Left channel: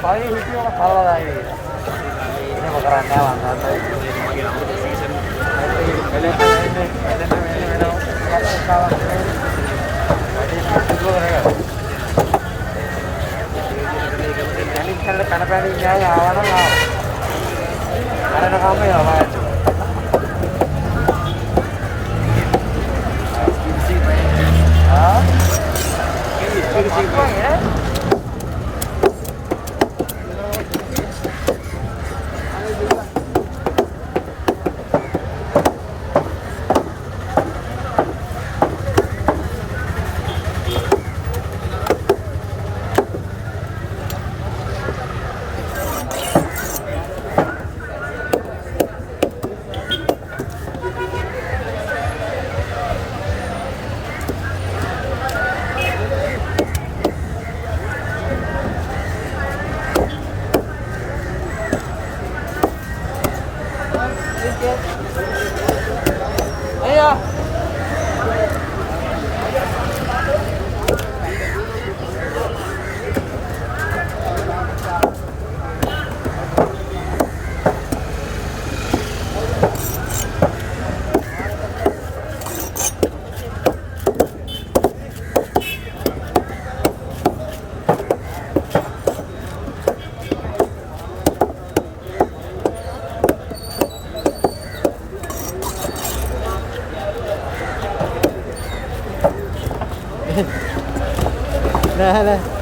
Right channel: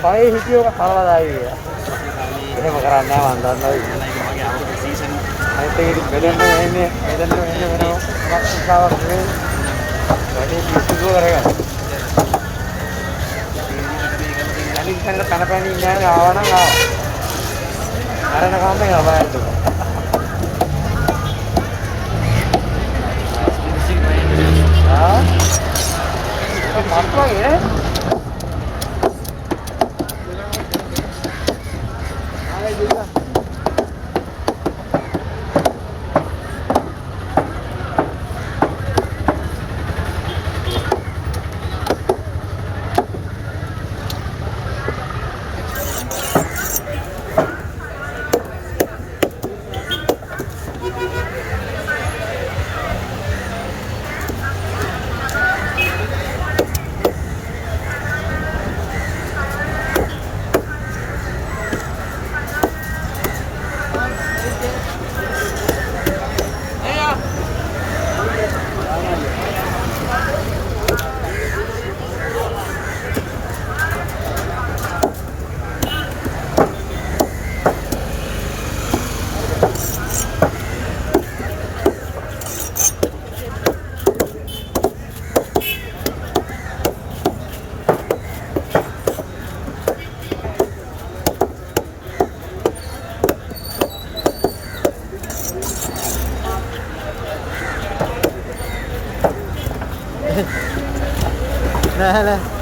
Saya hijau kan salah lagi. Ini bakaran nyaman dan lagi apa season. Nanti belen ini memang. Jadi kalau karena ini ya orang ada kami lah Pak. Apa ya? Lah lah.